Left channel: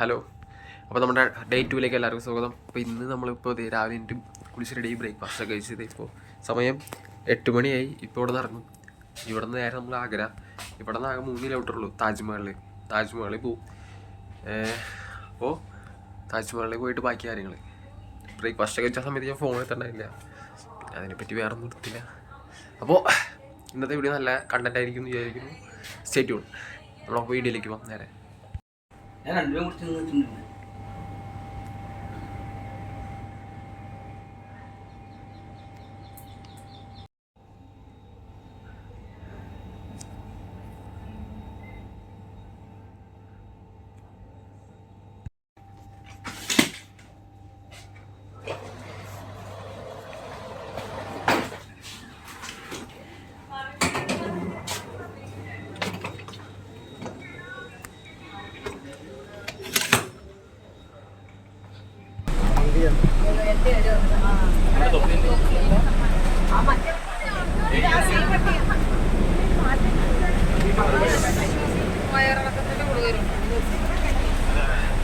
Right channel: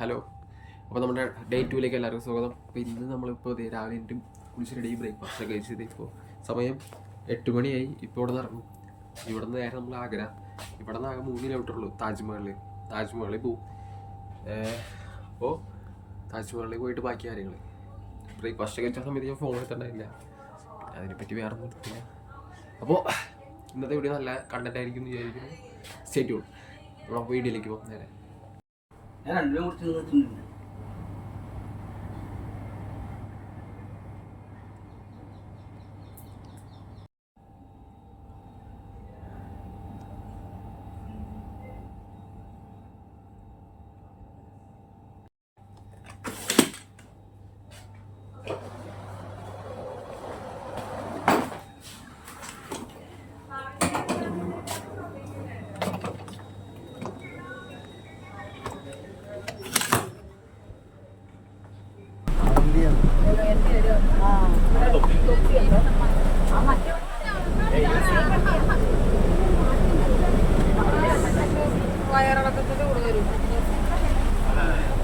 Hello. അപ്പോൾ നമ്മുടെ day 2ലേക്ക് എല്ലാവർക്കും സ്വാഗതം. അപ്പോൾ ഇന്ന് നമ്മളിപ്പോൾ രാവിലെ എനിക്കും കുളിച്ച് റെഡി ബ്രേക്ക്ഫാസ്റ്റ് ഒക്കെ കഴിച്ചത്. ഇപ്പോൾ സമയം 8 മണിയായി. ഇപ്പോൾ ഇവിടെ നിന്ന് ഇറങ്ങും. ഇവിടെ നിന്ന് നേരെ നമ്മൾ ആഗ്ര. ഇവിടെ നിന്ന് ആകെ 3 കിലോമീറ്റർ ഉള്ളൂ താജ്മഹലിൽ പോവും. അപ്പോൾ താജ്മഹലിൽ പോയിട്ട് ബാക്കി കാര്യങ്ങൾ ബ്രേക്ക്ഫാസ്റ്റ് കഴിച്ച സമയത്ത് ഞാൻ ഫോൺ എടുത്തിട്ടുണ്ടായില്ല. പിന്നെ അതിനെപ്പറ്റി വേറെ ഒന്നും എടുത്തില്ല. അപ്പോൾ ഇന്നത്തെ വീഡിയോ നല്ല കണ്ടന്റ് ആയിരിക്കും എന്ന് വിചാരിക്കുന്നു. Stay tune. നമ്മളപ്പോൾ വീഡിയോയിലേക്ക് പോകാം നേരെ. ഞാൻ രണ്ടും കുറിച്ച് നിന്നിട്ടുണ്ട്.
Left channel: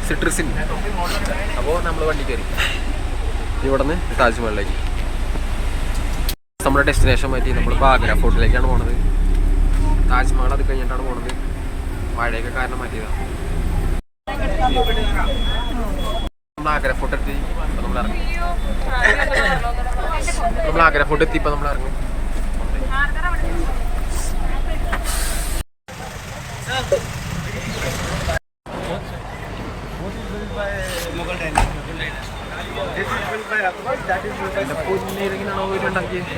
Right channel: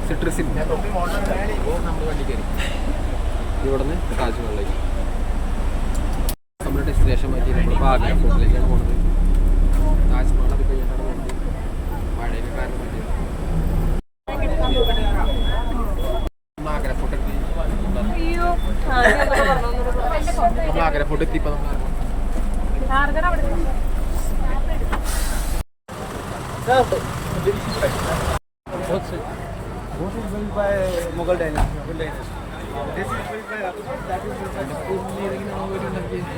സിട്രസിൻ. അപ്പോൾ നമ്മൾ വണ്ടി കയറി ഇവിടെ നിന്ന് താജ്മഹലിലേക്ക്. നമ്മുടെ ഡെസ്റ്റിനേഷൻ മാറ്റി നമ്മളിപ്പോൾ ആഗ്ര ഫോർട്ടിലേക്കാണ് പോണത്. താജ്മഹൽ അത് കഴിഞ്ഞിട്ടാണ് പോണത്. മഴയൊക്കെ കാരണം മാറ്റിയതാണ്. നമ്മൾ ആഗ്ര ഫോർട്ട് എത്തി. ഇപ്പം നമ്മൾ ഇറങ്ങും. നമ്മൾ ആഗ്ര ഫോർട്ട് എത്തി. ഇപ്പം നമ്മൾ ഇറങ്ങും. എന്റെ പൊന്നേരെങ്ങനെയാണോ വീട്ടുണ്ടാക്കിയത്?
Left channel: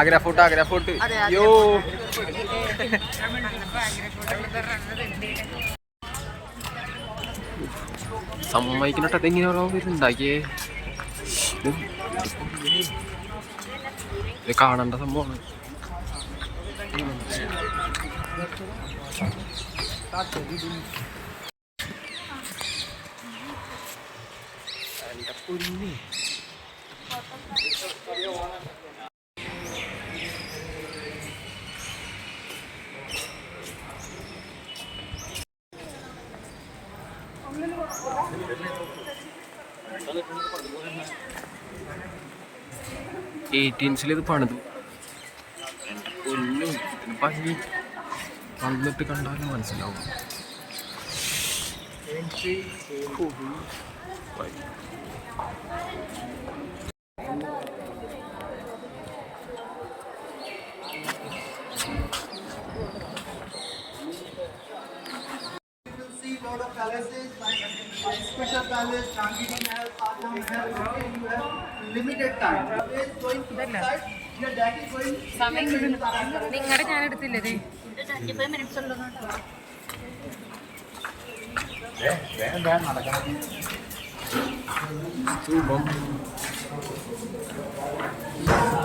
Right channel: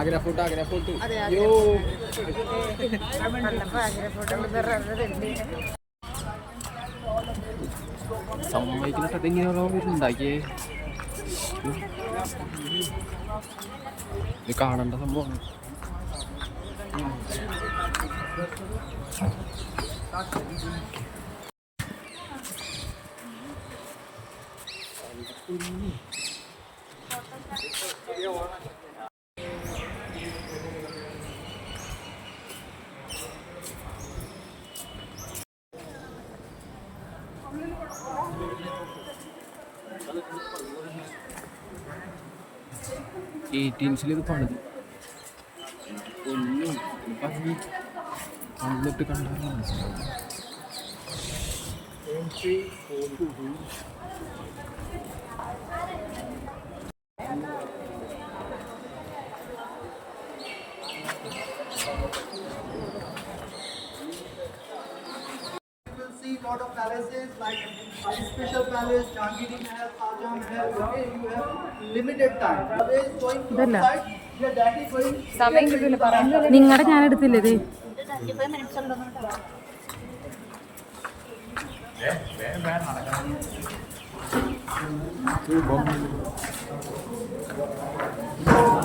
ആഗ്ര ഫോർട്ട് യോ. സമ്മതിക്കണട്ടെ. അതെങ്ങനെയാണോ ഉണ്ടാക്കിയേ? ഇത് കാണേണ്ട സംഭവമാണ്. എൻ്റെ പൊന്നേ. ഇത് പണിതു. എൻ്റെ പൊന്നു, ഇതിന് ഭംഗി വന്നിട്ട് കണ്ടാലും മനസ്സിലാവും. Lot of palaces like special palace, Jangiri Mahal, Ajam Mahal. Okay, you have limited time. Always going to outside. Your dad is going. നിങ്ങളുടെ ഞാൻ എടുത്തില്ലേ ഇത്?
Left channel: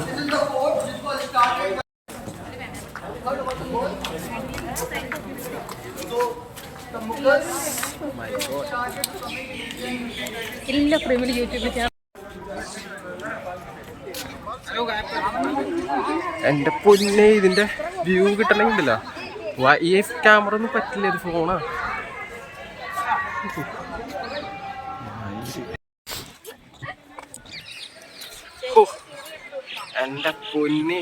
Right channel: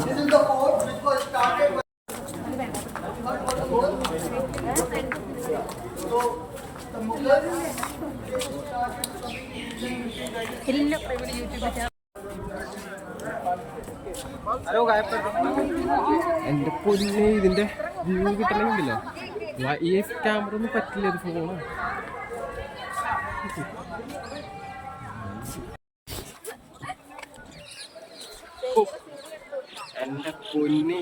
This is the fort which was started. So the Mughals started coming in Indian. എല്ലാ പ്രേമിലും യൂട്യൂബിൽ എൻ്റെ പൊന്നെ, ഇതിൻ്റെ view കിട്ടണമെങ്കിലോ ഈ ക്യാമറ ഒന്നും പറ്റില്ല. ഇത് ഫോണാ. എൻ്റെ പൊന്നെ,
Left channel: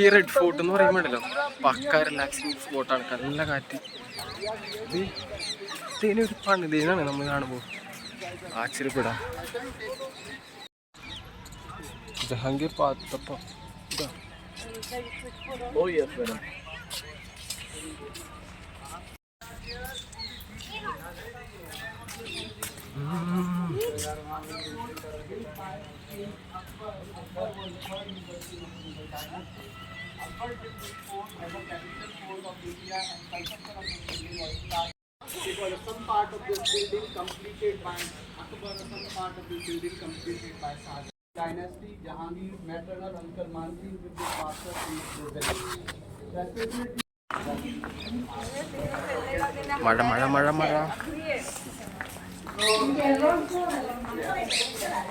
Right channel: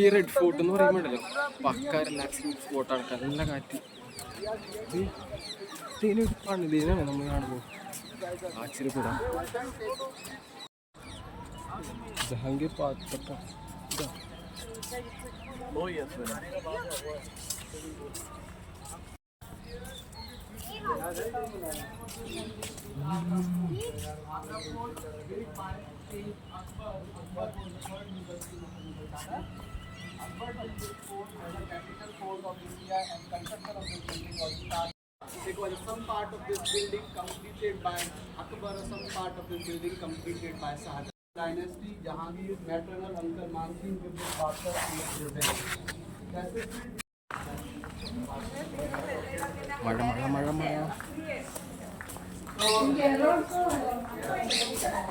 ഈ റെഡ് ഫോർട്ട് എന്ന് പറയുമ്പോഴല്ലോ പക്ക റിലാക്സിങ് സ്പോട്ടാണ്. നല്ല കാറ്റ്. ഇതിനൊരു പണിതീനാണ് നമ്മൾ കാണുമ്പോൾ ആശ്ചര്യപ്പെടാം. ജഹാംഗീർ പാത്തപ്പം ഇതാ. Because some part of this building completed by Akbar, some part of this building completed by Shahjahan. Dynasty, Jahangir, maternal uncle Mansi with the father and the Definitely മഴ മഴ മഴ മഴ.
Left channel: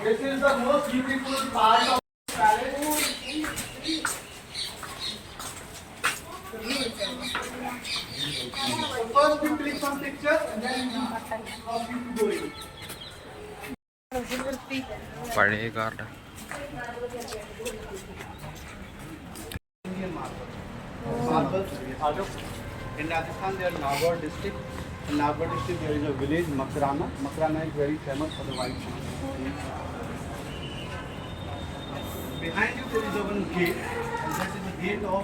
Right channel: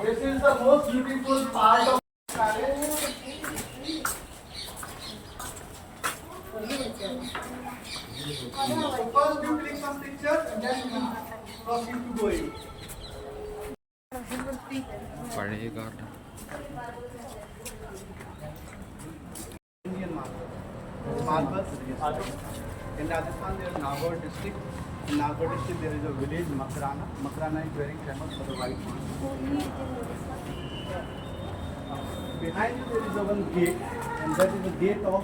This is the most beautiful part of the palace. First you click some pictures and then you proceed to go in. പഴയ garden. Indian marble. Marble. In Rajasthan there is Nagaur district. In Nagaur district there is a village Makrana. Makrana is very famous for the white marble. Behind you there is a one gate, and that is the gate of.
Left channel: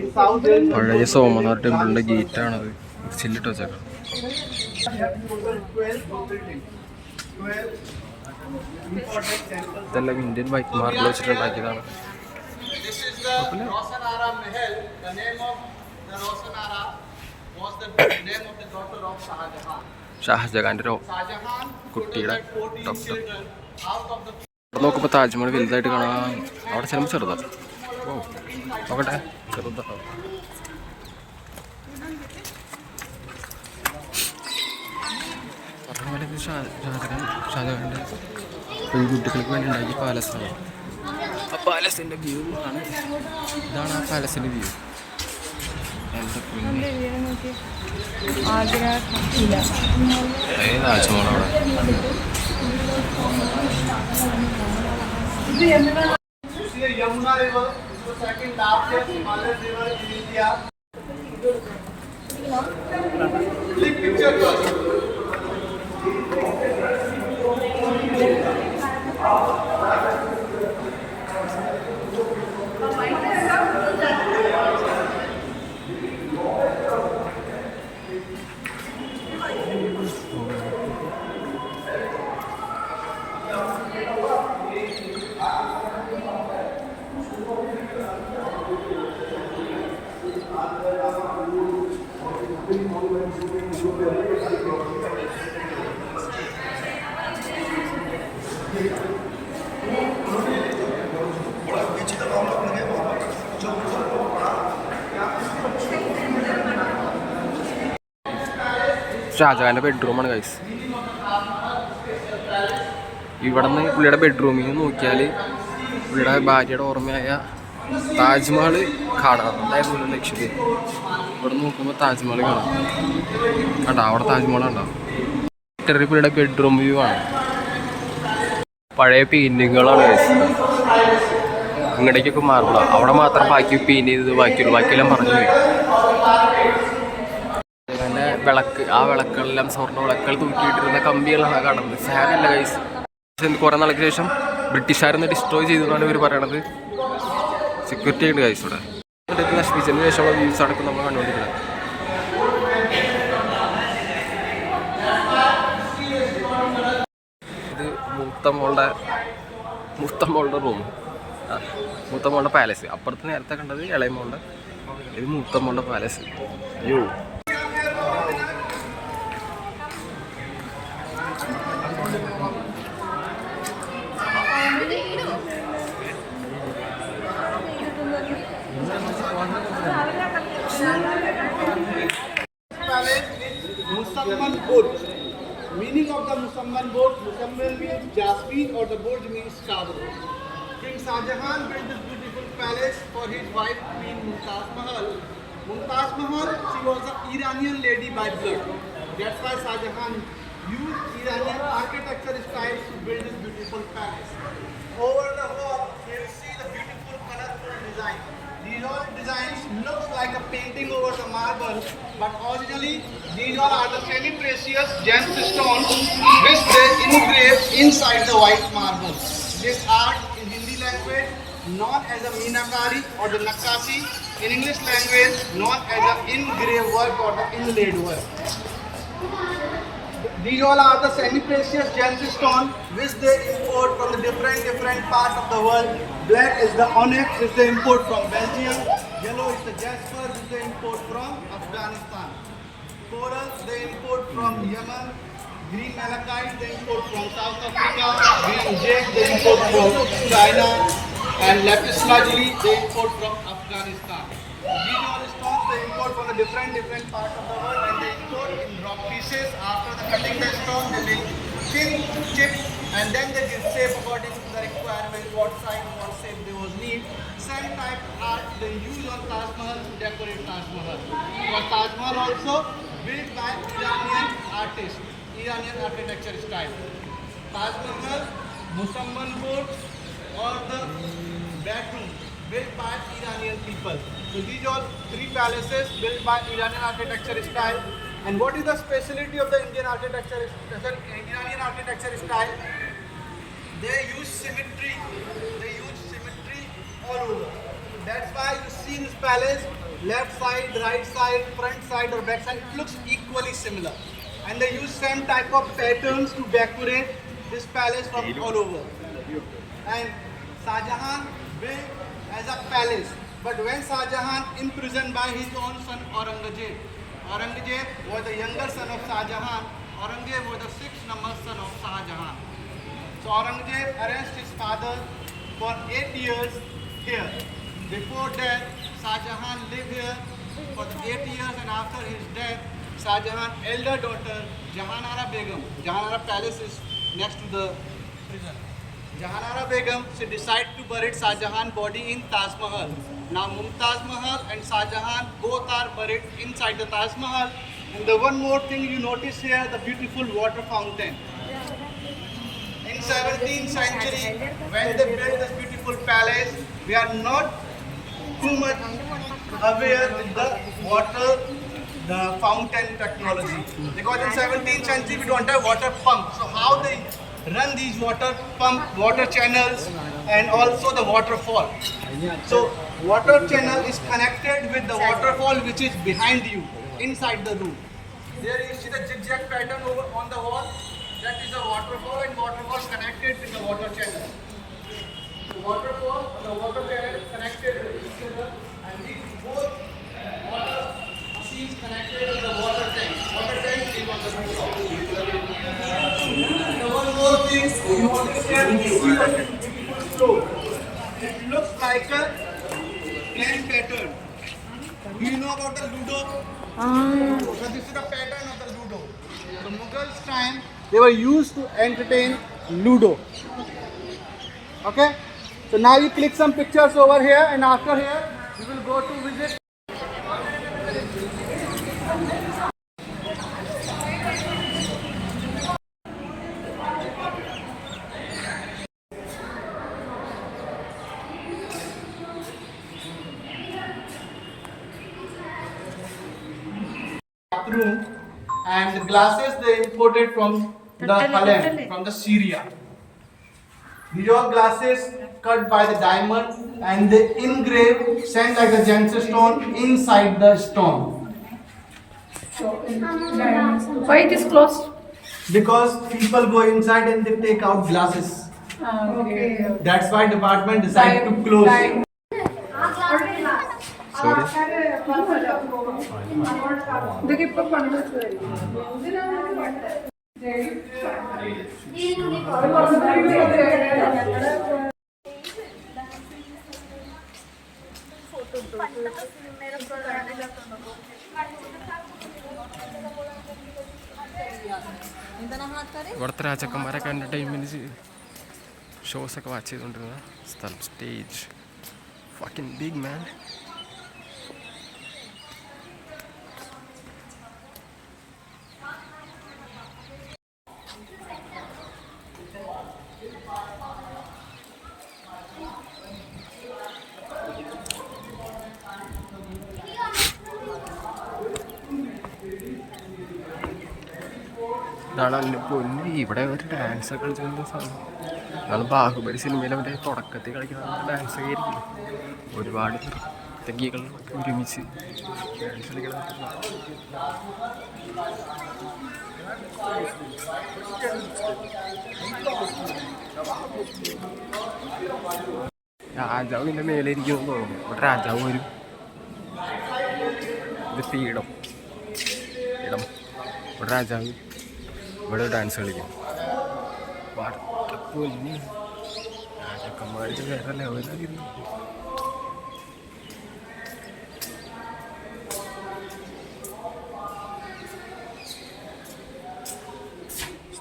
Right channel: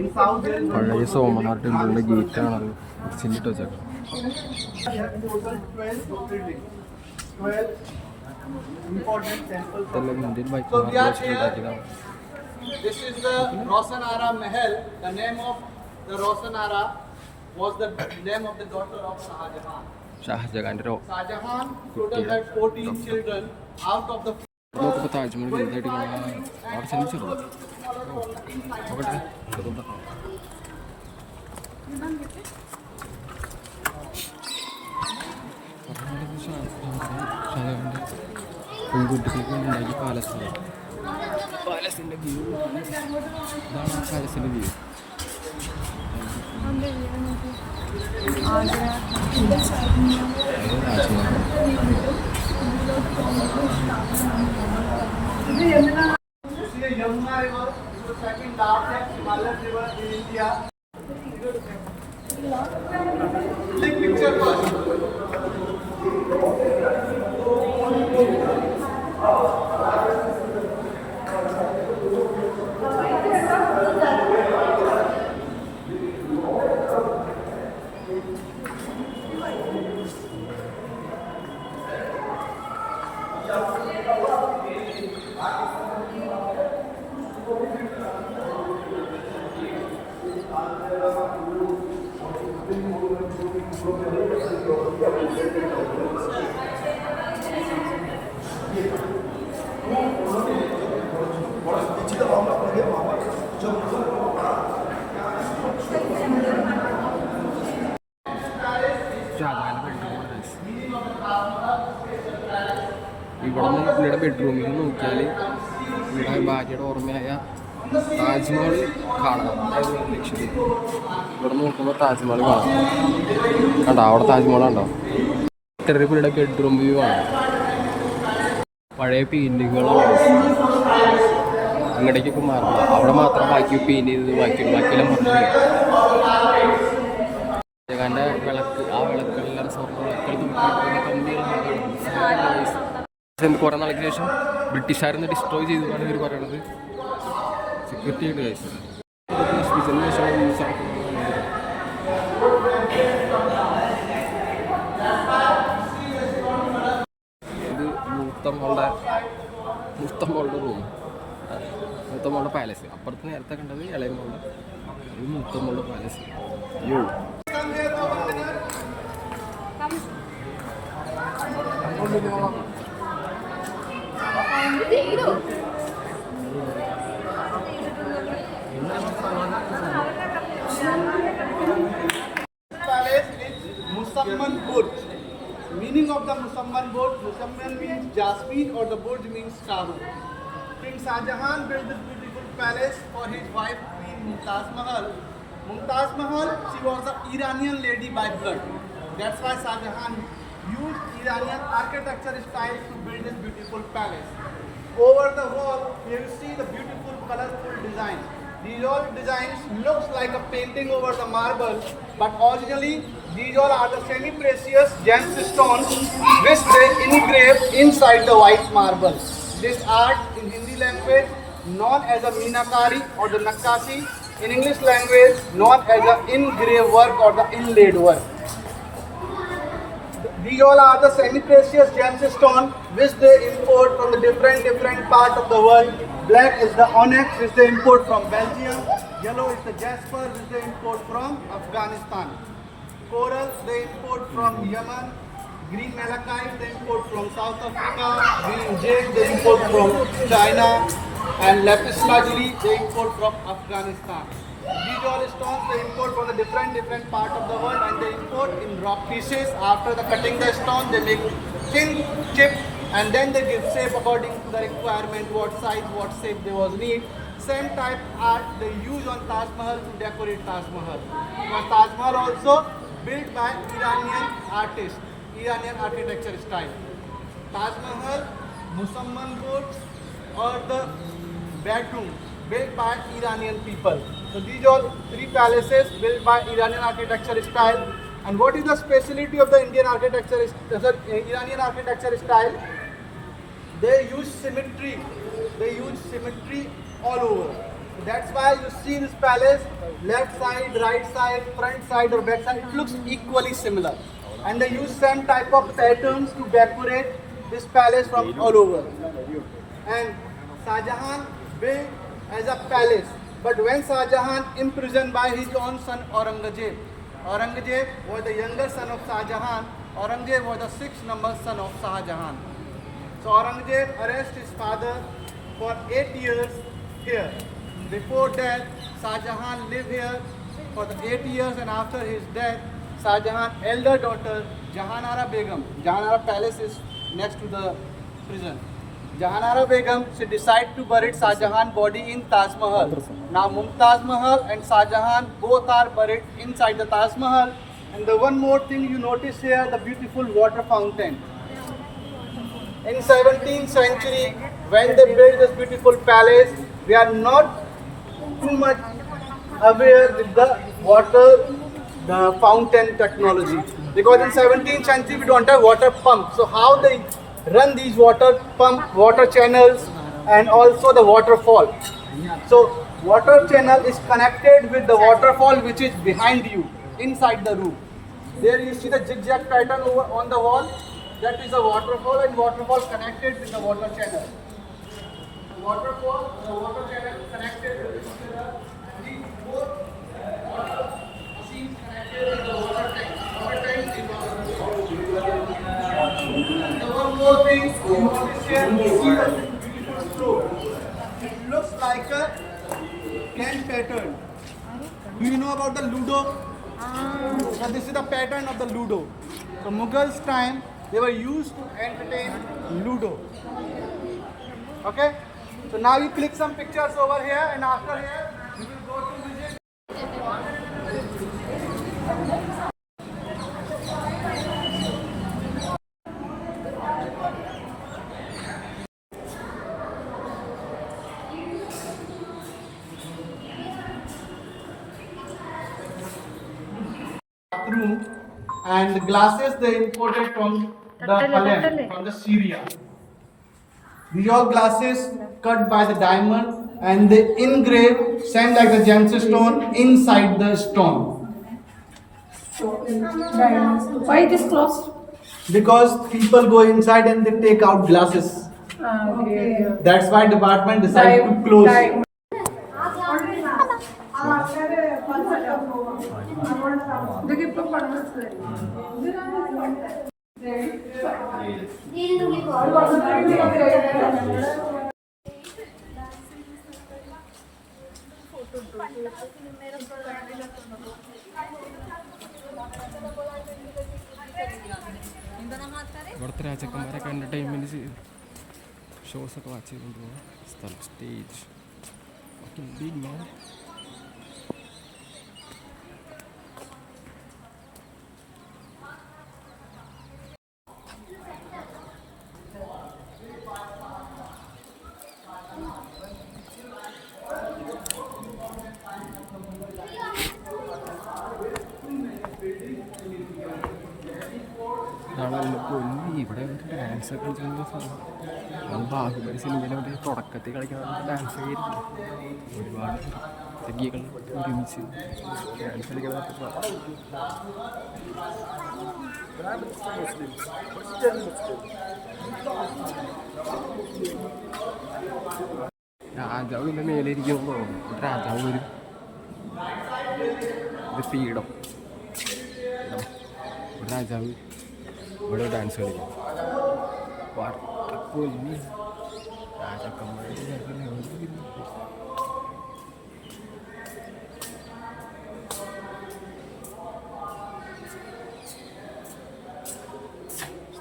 In south there is പഴയ Somnath ടെമ്പിളിന്റെ gate ആണത്. ചില്ലിട്ട് വെച്ചേക്കാം. we have total 12 buildings. 12 important temples. ഇതെല്ലാം Indian white marble വെച്ചിട്ടുണ്ടാക്കിയതാണ്. This is the Rosanara Mahal. The name of the Rosanara was the name of the daughter of Shah Jahan. ഷാജഹാന്റെ Shah Jahan കുട്ടിയുടെ had 14 doctor. children. Out of the അവിടെ നോക്കുമ്പോൾ താജ്മഹൽ വലുതായിട്ട് കാണാം. അവിടെ ചെല്ലുമ്പോൾ ചെറുതാണ്. ഓ നോക്കട്ടെ, ചെറുതാണോ? പറഞ്ഞ പോലെ ഇത് ഷാജഹാൻ്റെ പെൺകുട്ടികൾക്ക് വേണ്ടി ഉണ്ടാക്കിയ പാലസാണ്. ആ പാലസിൻ്റെ വ്യൂ ആണ്. ഇതാണ് ആ പാലസിൻ്റെ വ്യൂ. എൻ്റെ പൊന്നെ, അതേ താജ്മഹൽ അവിടെ. You see the Yamuna River, the second largest Himalayan river in India. Click picture first. ഷാജഹാൻ്റെ ബെഡ്റൂമാണ് ഗൈസ്. ഇവിടെ നിന്ന് പുള്ളിയുടെ ബെഡ്റൂമിൽ നിന്ന് നോക്കിയാൽ പുള്ളിയുടെ ഭാര്യയുടെ ഓർമ്മയായ താജ്മഹൽ കാണാം. അതായത് ലക്ഷദ്വീപ്. ഇവിടെ നോക്കുമ്പോൾ താജ്മഹൽ കാണാം. കണ്ടോ, അവിടെ താജ്മഹൽ ഉണ്ടാവും. പുള്ളിയുടെ ബെഡ്റൂം വ്യൂ ആണ്. പഴയ പെയിൻറ്റിങ്ങുകളാണ് ഗൈസ്. ഇങ്ങടേക്കൊക്കെ മാർബിളാണ്. അവിടെ മാത്രം ബാക്കി പെയിൻറ്റ് ചെയ്തത് ബാക്കിയെല്ലാം പറഞ്ഞു പോയി. ഷാജഹാൻ്റെ വിളക്ക്, ആ വിളക്കുകളെല്ലാം സ്വർണ്ണ വിളക്കുകൾ തൂക്കിയിട്ടിരുന്ന കമ്പികളാണ് കാണുന്നത്. ഫാനല്ല ഗൈസ്. കുറേ നാൾക്ക് ശേഷം ബ്രിട്ടീഷുകാരൊന്ന് ഡിസ്ട്രോയ് ചെയ്തു എന്നാണ് ഇവർ പറയണത്. സെക്യൂരിറ്റി ഉണ്ട് ഗൈസ് ഇവിടെ. നശിപ്പിച്ചതിന് ശേഷമുള്ള വ്യൂസ് അടക്കം നമ്മൾ കണ്ടുകൊണ്ടിരിക്കുന്നത്. ഇത് മൂത്തമ്മളുടെ റൂം, മൂത്തമ്മളുടെ പാലസ്. അപ്പുറത്ത് നേരത്തെ കണ്ടത് ഇളയമോളുടെ, ഇത് മൂത്തമ്മളുടെ പാലസ്. യോ Palace is Musamman Burj. Meaning of the Musamman Burj, Musamman means Jasmine or the Burj means shadow. King Shah Jahan built this beautiful palace for his wife Queen Mumtaz Mahal. Mumtaz Mahal, she was an Iranian lady by blood. That's why Shah Jahan used Iranian architecture styles to build this beautiful palace. Over the wall, you see the beautiful colorful design. These all designs looks like a painting over the marble, but originally these all are the semi-precious gemstones which they engrave inside the white marble. This art in Hindi language known as a meenakari or the nakashi, in English language known as the engraved work or the inlaid work. These all are the semi-precious gemstones which they import from the different parts of the world. Black is the onyx which they import from Belgium. Yellow is the jasper which they import from Afghanistan. Coral they import from Yemen. Green malachite they import from South Africa. Green jade they import from China. And lapis lazuli they import from Afghanistan. These all stones they import from the different part of the world, and they import in rock pieces. After the cutting the stone, they make thin chips, and then they give shape according to the requirement, what size, what shape they was need. Same type art they use on Taj Mahal to decorate Taj Mahal. Because Taj Mahal also built by Iranian artists, Iranian architecture style. Taj Mahal, Musamman boards, or the bedroom built by Iranian people. So these are three palaces built by Iranian architecture style. And what is the specialty of the Iranian architecture style? They use symmetry. They use symmetry all over. That's why you see this palace, left side, right side, front side or back side, it looks equally similar. And they use same type of patterns to decorate this palace from all over. And Shah Jahan built as a palace. But when Shah Jahan imprisoned by his own son Aurangzeb, Aurangzeb was the younger son of Shah Jahan. Aurangzeb was the 6th number son of Shah Jahan. So Aurangzeb arrested his father for 8 years here. Before death, Shah Jahan lived here for the 8 years, and after his death, Shah Jahan's elder daughter Jahanara Begum, Jahanara palace is next to the prison. Jahanara Begum, she decided to bury Shah Jahan's body in Taj Mahal. Now Mumtaz Mahal and Shah Jahan both are buried inside the Taj Mahal. And the one more thing you notice here, the beautiful water fountain. In 17th century, when they built this beautiful palace, we are not too much aware with the water, the fountain technology. Because in 17th century, we don't have water pumps. So how they run these water pump, water channels, and also the waterfall. So water channel is connected with the waterfall which is behind you, inside the room. There you see the zigzag pattern over on the wall. That is the waterfall, and waterfall is connected with the water channel. The waterfall, the water channel is connected with each other, and these both water is connected with the water tank. Water tank is one more thing, you want to see the flow. It looks like a plan pattern. Do you know about the Ludo? So this is the pattern of the Ludo. So Mughals time, they were used to entertain Ludo. Okay? So now you click some pictures over here, and after here, you will go to visit. Room, and the glasses they imported from the Halem, from the Syria. These are glasses cut by the diamond, and they engrave, send like a gemstone inside the stone. Why it is closed? Because people go inside and they take out glasses. Okay. That's why department decided to close. ഇതൊക്കെ ഇപ്പൊ പണ്ട് ഇവിടുത്തെ രാജാക്കന്മാരൊക്കെ entertainment ഷോസൊക്കെ watch ചെയ്തുകൊണ്ടിരുന്ന സ്ഥലം, stage fucking big മാൻ. ഇതാണ് എൻ്റെ പൊന്നി, ഇവിടെ ഒരു ഡാൻസൊക്കെ കളിച്ചിരുന്ന സാധനം. അതാണ് ബാഹുബലി സിനിമയിൽ അവൻ്റെ തുടക്കത്തിൽ കളിക്കുന്ന ഡാൻസൊക്കെ ആയിരിക്കും. ഒരുപാട് നർത്തകികൾ ഒരുമിച്ച് ഡാൻസ് കളിക്കുന്ന രാജാവ് ഇതിൻ്റെ മേലെ ഇരിക്കുമെന്ന് തോന്നുന്നു. ഇവിടെ രാജാവ് വരും. ഇത് പീഠം ഇടം. ഇവിടെ രാജാവ് ഇവിടെ ഡാൻസ് കളിക്കും. പൊന്നി രാജാക്കന്മാർക്ക് വേറെ ലെവലായിരുന്നു.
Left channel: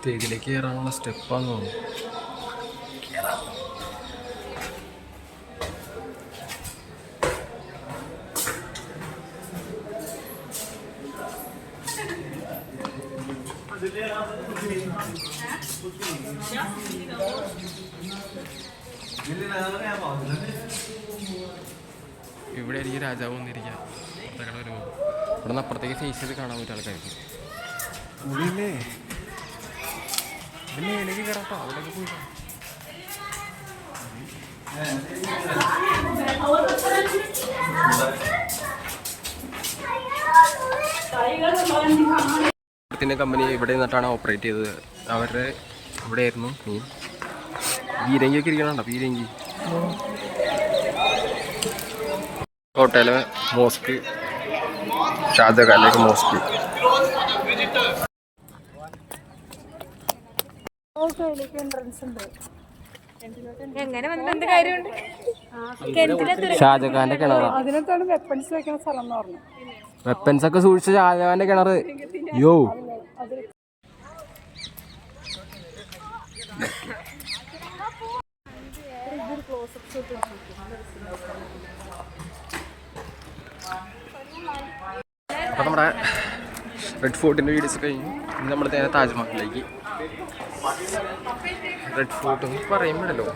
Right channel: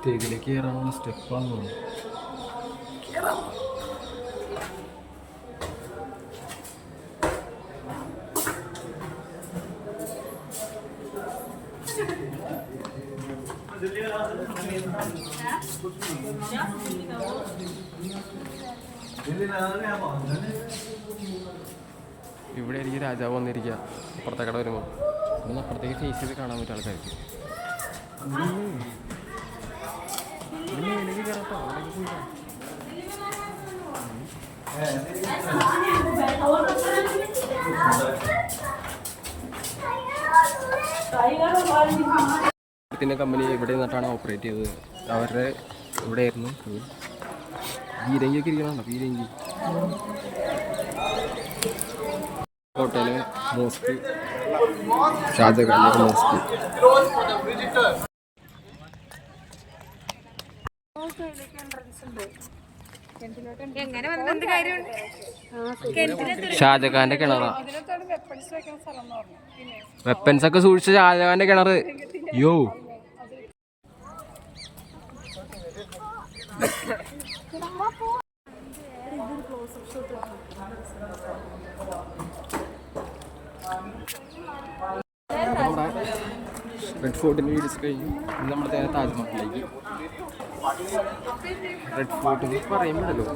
സ്റ്റേജിലേക്ക് കയറാനുള്ള സ്റ്റെപ്പാന്ന് തോന്നുന്നു. ഇവിടെ ആയിരിക്കും രാജാവ് വന്നിരിക്കുക. അപ്പുറത്തേക്കടെ വരുമ്പോൾ ഇവിടെ നിന്ന് അപ്പുറത്തേക്ക് ഫേസ് ചെയ്ത് കാണാൻ പറ്റിയ ആൾക്കാർക്ക്. ഉള്ളില്ലേ ഇത് മേലേക്ക് കയറട്ടോ, അവിടേക്ക് പോയി ത്തിൻ്റെ കമ്പനി ഇവിടെ നിന്നിട്ടാണ് ഓപ്പറേറ്റ് ചെയ്തത്. അവരുടെ ഇവിടെ ആയിരുന്നു മീൻ. പീരങ്കിയൊക്കെ ഇരിക്കണുണ്ടോ? പീരങ്കി ഹോട്ടല്, മോസ്ക്, ഷാജഹാനിലേക്ക് മോസ്ക്. ഷാജഹാന്റെ കിണറാ. വെപ്പൻസ് ഒക്കെ സൂക്ഷിച്ച ഷാജഹാന്റെ കിണറ്. യോ അപ്പോൾ നമ്മുടെ റെഡ് ഫോർട്ടിൻ്റെ വീഡിയോസ് കഴിഞ്ഞു. ഇന്ന് നമ്മൾ നേരെ താജ്മഹലിലേക്ക്. റെഡ് ഫോർട്ട് എന്ന് പറയുമ്പോഴല്ലോ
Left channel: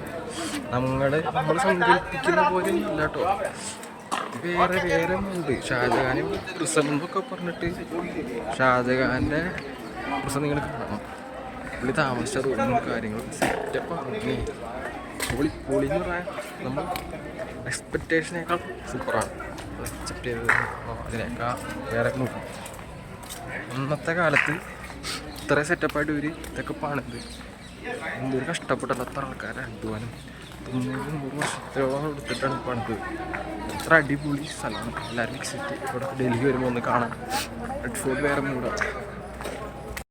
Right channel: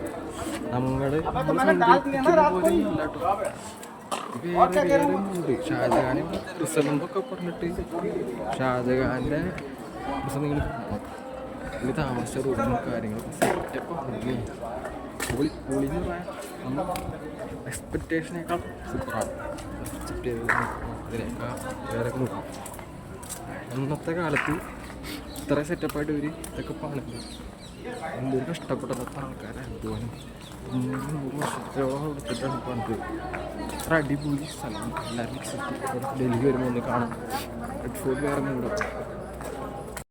നമ്മൾ സങ്കല്പിക്കുന്ന പോലെ അല്ല കേട്ടോ. ഇത് വേറെ ഉണ്ട്. ഷാജഹാൻ ഇവിടെ പ്രിസൺ എന്നൊക്കെ പറഞ്ഞിട്ട് ഷാജഹാൻ്റെ പ്രിസൺ നിങ്ങൾ കാണണം. പുള്ളി താമസിച്ച റൂമും കാര്യങ്ങളൊക്കെ സെറ്റപ്പാണ്. പൊളി എന്ന് പറയാൻ നമ്മൾ എക്സ്പെക്റ്റേഷനേക്കാൾ സൂപ്പറാണ്. അക്സെപ്റ്റ് ചെയ്തത് അതിനേക്കാൾ വേറെ നോക്കും. അന്നത്തെ കാലത്ത് ഇത്ര സെറ്റപ്പായിട്ട് ഇവർ ഇതൊക്കെ പണിത് എന്തൊരു കഷ്ടപ്പെട്ടത്. അത്ര ആൾക്കാരെ അധ്വാനം 100 വർഷത്തോളം എടുത്തിട്ടാണ് പണിത്. അത്ര അടിപൊളി സ്ഥലമാണ്. എല്ലാവരും വിസിറ്റ് ഇവിടെ ഡൽഹി വരുമ്പോൾ ഒന്ന് കാണാൻ. റെഡ് ഫോർട്ട് വേറെ മൂടാണ്.